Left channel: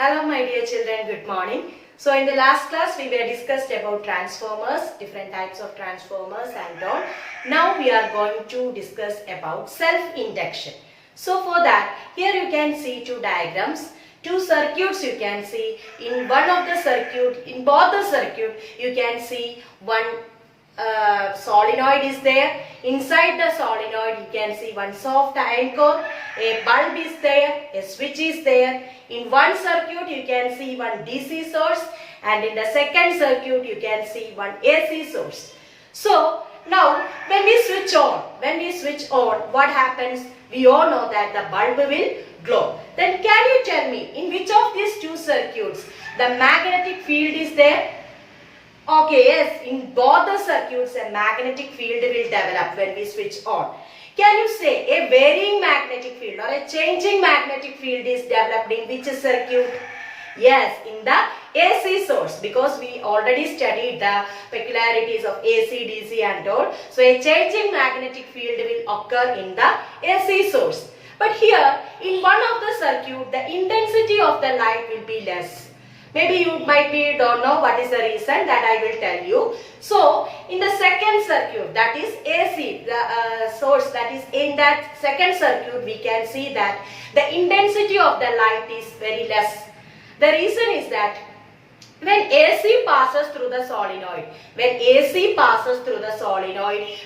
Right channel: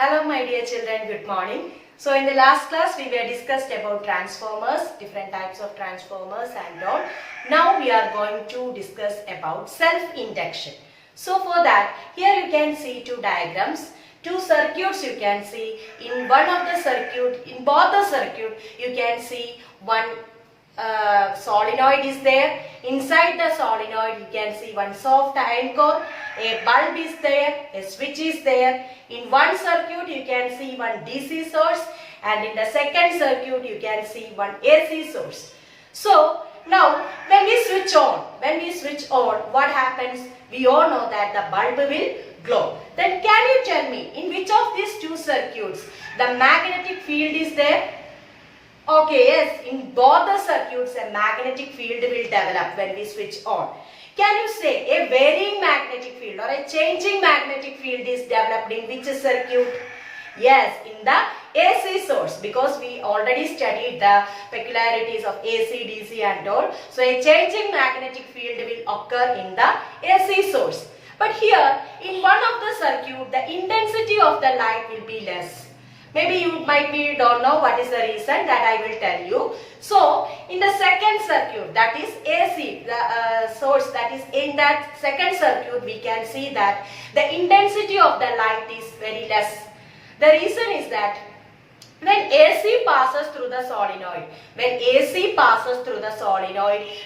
Hello my dear children, good morning. So in the last class we were discussed about transformers, different types of transformers and all. Now we are going to discuss about self-induction. So for that, here you can see two diagrams, two circuits you can see. In one of the circuit, in both the circuit you can see one solenoid is there. Inside the solenoid you can see one soft iron core, a bulb is there, a switch is there. In one circuit you can see one DC source and in the second circuit you can see one AC source. So now when we switch on, what happens? We all know that the bulb will glow. Then can you tell me in which of these two circuits the magnetic field is there? Okay, yes, in both the circuits a magnetic field will develop when we switch on. Can you say a varying magnetic field or a changing magnetic field is developed in which circuit? Yes, in the AC source, because we already studied the peculiarities of AC, DC and all. So a changing magnetic field will occur in the AC source. But here in one of the circuit the intensity of the light will be less. Maybe you might don't know what is the reason, that I will tell you. So in the second circuit, that is AC, the source, that is in that second circuit we can see that the intensity of the light is very less. The reason is that when AC passes through the solenoid,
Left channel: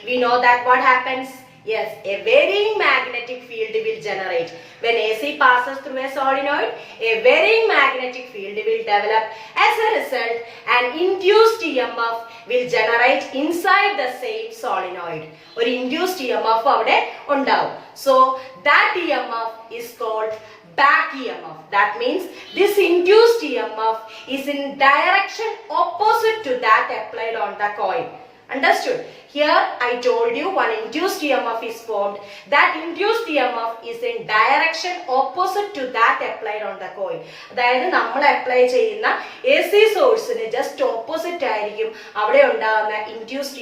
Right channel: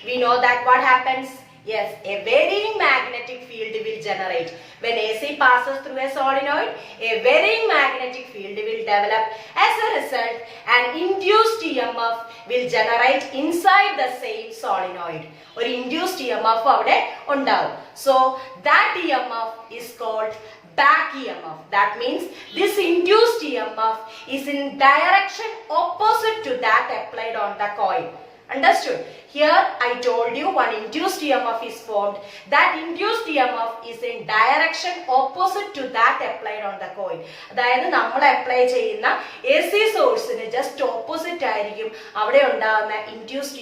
we know that what happens? Yes, a varying magnetic field will generate. When AC passes through a solenoid, a varying magnetic field will develop. As a result, an induced EMF will generate inside the same solenoid. Or induced EMF avade undavu. So that EMF is called back EMF. That means this induced EMF is in direction opposite to that applied on the coil. Understood? Here I told you one induced EMF is formed. That induced EMF is in direction opposite to that applied on the coil. അതായത് നമ്മൾ apply ചെയ്യുന്ന AC സോഴ്സിന് just opposite ആയിരിക്കും അവിടെ ഉണ്ടാകുന്ന induced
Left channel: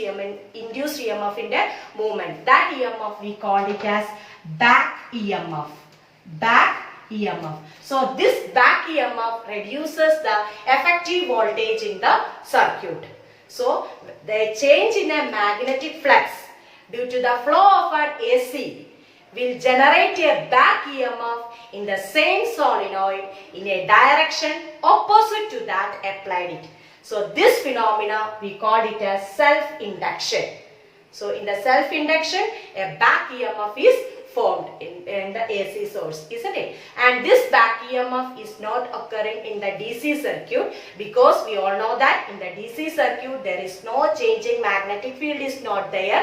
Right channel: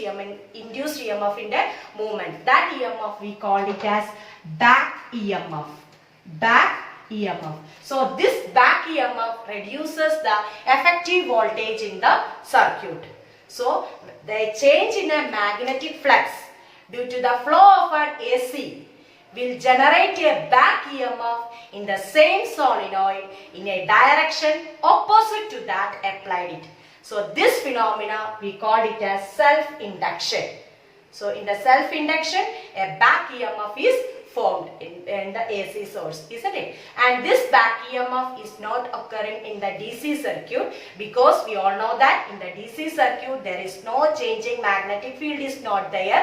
EMF ന്റെ movement. That EMF we called it as back EMF. Back EMF. So this back EMF reduces the effective voltage in the circuit. So the change in a magnetic flux due to the flow of an AC will generate a back EMF in the same solenoid in a direction opposite to that applied it. So this phenomena we call it as self-induction. So in the self-induction a back EMF is formed in the AC source, isn't it? And this back EMF is not occurring in the DC circuit because we all know that in the DC circuit there is no changing magnetic field is not there.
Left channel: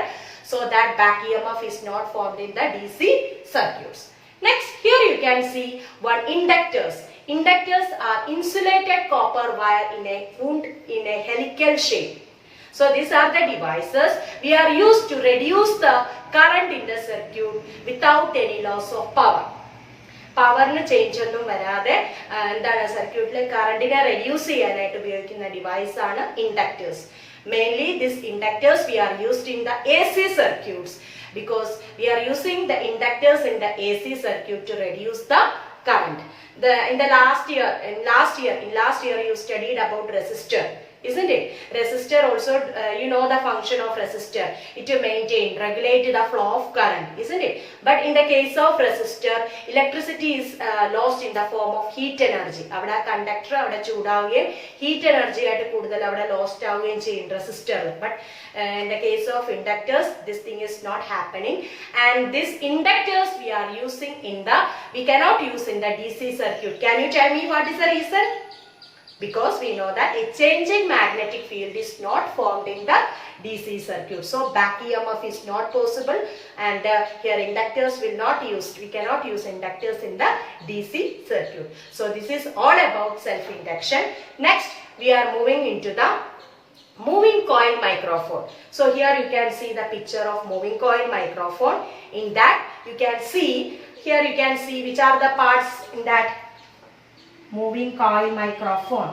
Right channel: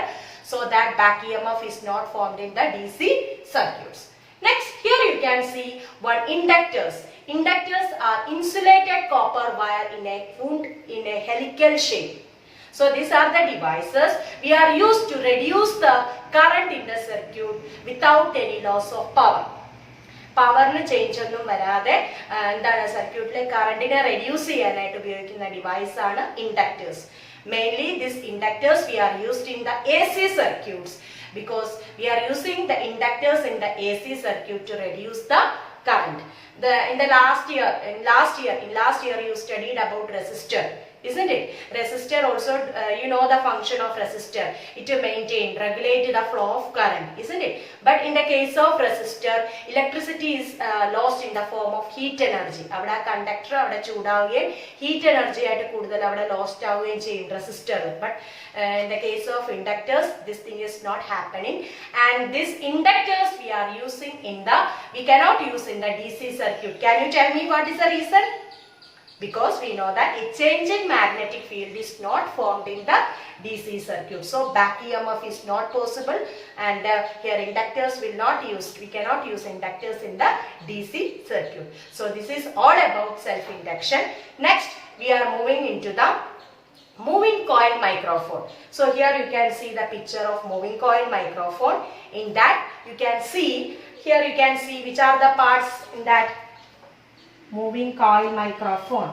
So that back EMF is not formed in the DC circuits. Next, here you can see one inductors. Inductors are insulated copper wire in a helical shape. So these are the devices we are used to reduce the current in the circuit without any loss of power. പവറിന് change ഒന്നും വരാതെ എന്താണ് സർക്യൂട്ടിലെ കറണ്ടിനെ reduce ചെയ്യാനായിട്ട് ഉപയോഗിക്കുന്ന device ആണ് inductors. Mainly these inductors we are used in the AC circuits because we are using the inductors in the AC circuit to reduce the current. In last year you studied about resistor. Isn't it? Resistor also, you know the function of resistor. It will regulate the flow of current, isn't it? But in the case of resistor, electricity is lost in the form of heat energy. Avada conductor avada chudavugayum heat energy aayittu kudal avada lost avugayum cheyum resistor. But in the case of inductors, this thing is not happening. And these inductors we cannot use in the DC circuit. Can you tell me what is the reason? Because we know that a changing magnetic field is not formed in the DC circuit. So back EMF is not possible and here inductors we cannot use inductors in the DC circuit. So this is all about self-induction. Next we are moving into the moving coil microphone. So here you can see the picture of moving coil microphone. In that you can see which are the parts in that moving coil microphone.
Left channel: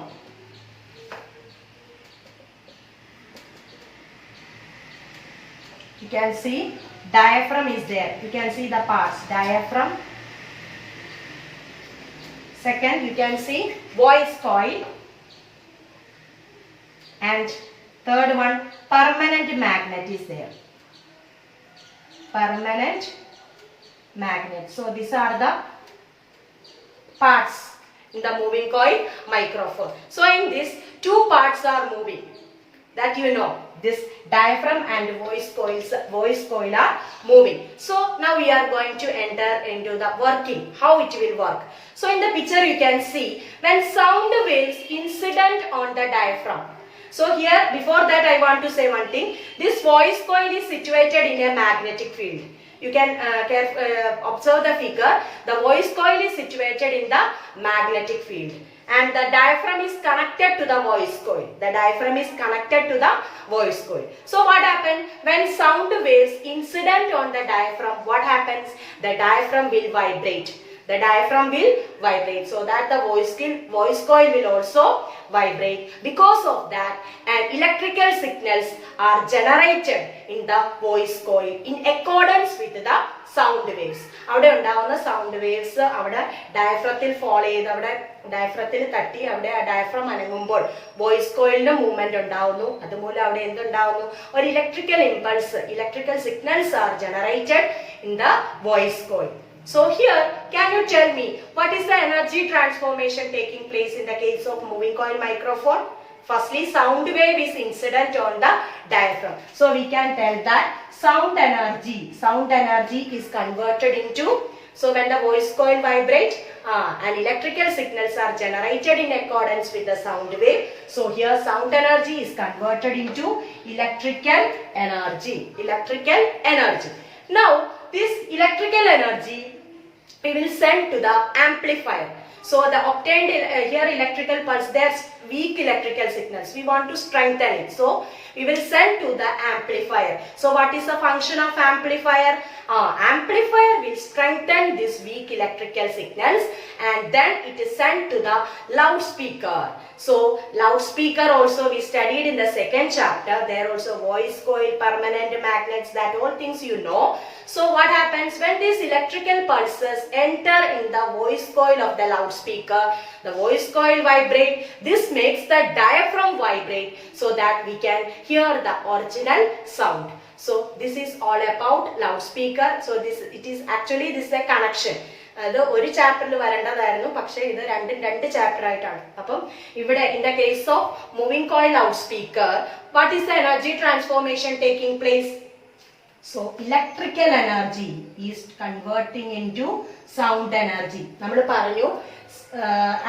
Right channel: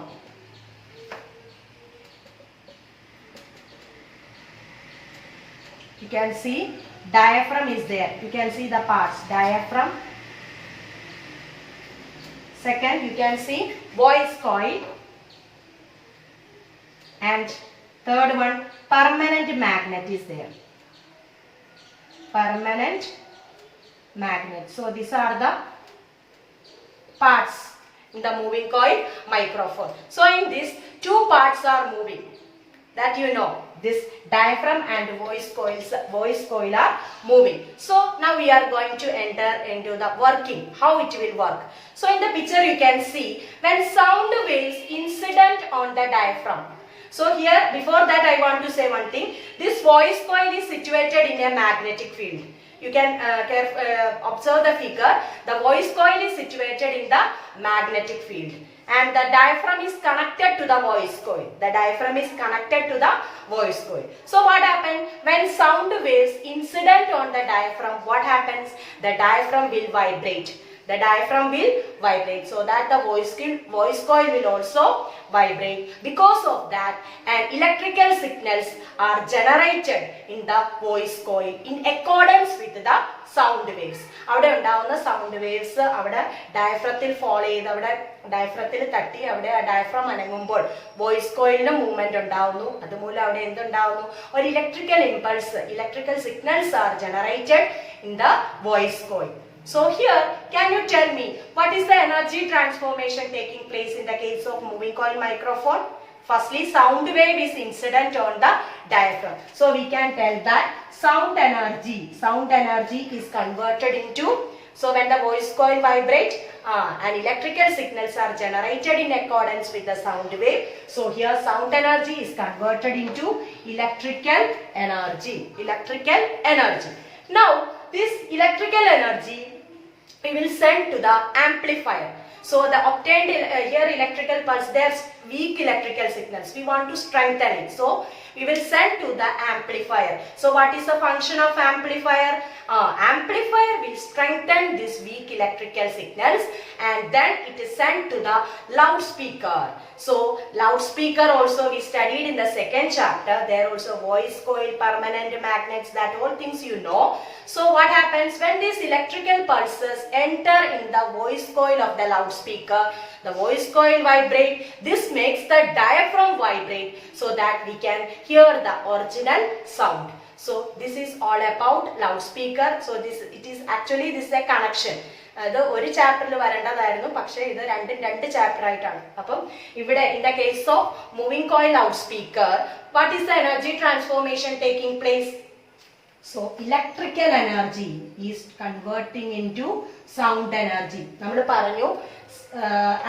You can see diaphragm is there. You can see the parts: diaphragm, Second, you can see voice coil. And third one, permanent magnet is there. Permanent magnet. So these are the parts in the moving coil microphone. So in this, two parts are moving. That you know. This diaphragm and voice coil are moving. So now we are going to enter into the working, how it will work. So in the picture you can see when sound waves incident on the diaphragm. So here, before that I want to say one thing. This voice coil is situated in a magnetic field. You can observe the figure. The voice coil is situated in the magnetic field. And the diaphragm is connected to the voice coil. The diaphragm is connected to the voice coil. So what happens? When sound waves incident on the diaphragm, what happens? The diaphragm will vibrate. The diaphragm will vibrate, so that the voice coil will also vibrate. Because of that, and electrical signals are generated in the voice coil in accordance with the sound waves. അവിടെ ഉണ്ടാവുന്ന sound waves അവിടെ ഡയഫ്രത്തിൽ fall ചെയ്ത് അവിടെ ഡയഫ്രത്തിൽ തട്ടി അവിടെ diaphragm അനങ്ങുമ്പോൾ voice കോയിലിന് movement ഉണ്ടാവുന്നു. അതുമൂലം അവിടെ എന്തുണ്ടാവുന്നു? ഒരു electrical impulse, electrical signals are generated in the voice coil. So here, can you tell me what is the energy transformation taking place in the case of moving coil microphone? Firstly, sound wave is incident on the diaphragm. So we can tell that sound energy is converted into, so when the voice coil vibrates, and electrical signals are generated in accordance with the sound wave. So here sound energy is converted into electrical energy. Now, this electrical energy we will send to the amplifier. So the obtained here electrical pulse, there's weak electrical signals. We want to strengthen it. So we will send to the amplifier. So what is the function of amplifier? Amplifier will strengthen these weak electrical signals and then it is sent to the loudspeaker. So loudspeaker also we studied in the second chapter. There also voice coil, permanent magnets, that all things you know. So what happens when these electrical pulses enter in the voice coil of the loudspeaker? The voice coil vibrate. This makes the diaphragm vibrate so that we can hear the original sound. So this is all about loudspeaker. So this is a connection. അത് ഒരു ചാപ്റ്ററിൽ വരേണ്ടതായിരുന്നു, പക്ഷേ ഇത് രണ്ട് chapter ആയിട്ടാണ്. അപ്പം ഇവിടെ in the case of moving coil loud speaker, what is the energy transformation taking place? So electrical energy is converting into sound energy. നമ്മൾ പറഞ്ഞു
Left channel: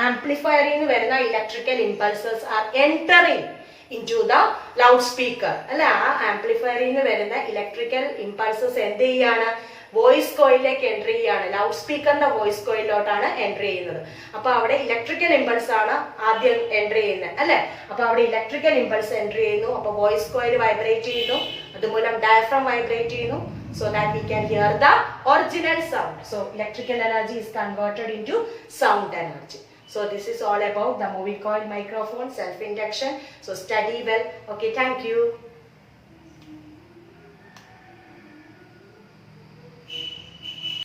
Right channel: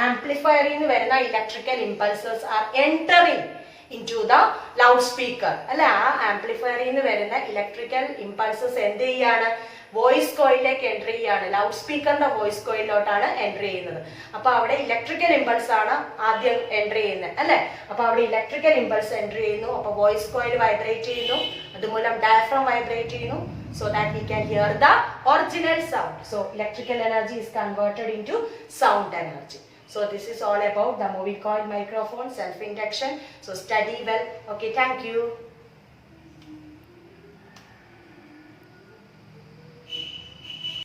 ആംപ്ലിഫയറിൽ നിന്ന് വരുന്ന electrical impulses are entering into the loudspeaker. അല്ല, ആ ആംപ്ലിഫയറിൽ നിന്ന് വരുന്ന ഇലക്ട്രിക്കൽ ഇമ്പൾസസ് എന്ത് ചെയ്യാണ്? വോയിസ് കോയിലേക്ക് എൻട്രി ചെയ്യാണ്. ലൗഡ് സ്പീക്കറിന്റെ വോയിസ് കോയിലോട്ടാണ് എൻട്രി ചെയ്യുന്നത്. അപ്പൊ അവിടെ ഇലക്ട്രിക്കൽ ഇമ്പൾസ് ആണ് ആദ്യം എൻട്രി ചെയ്യുന്നത്, അല്ലെ? അപ്പൊ അവിടെ ഇലക്ട്രിക്കൽ ഇമ്പൾസ് എൻട്രി ചെയ്യുന്നു. അപ്പൊ വോയിസ് കോയിൽ വൈബ്രേറ്റ് ചെയ്യുന്നു, അതുമൂലം ഡയഫ്രം വൈബ്രേറ്റ് ചെയ്യുന്നു, so that we can hear the original sound. So electrical energy is converted into sound energy. So this is all about the moving coil microphone self induction. So study well. Okay, thank you.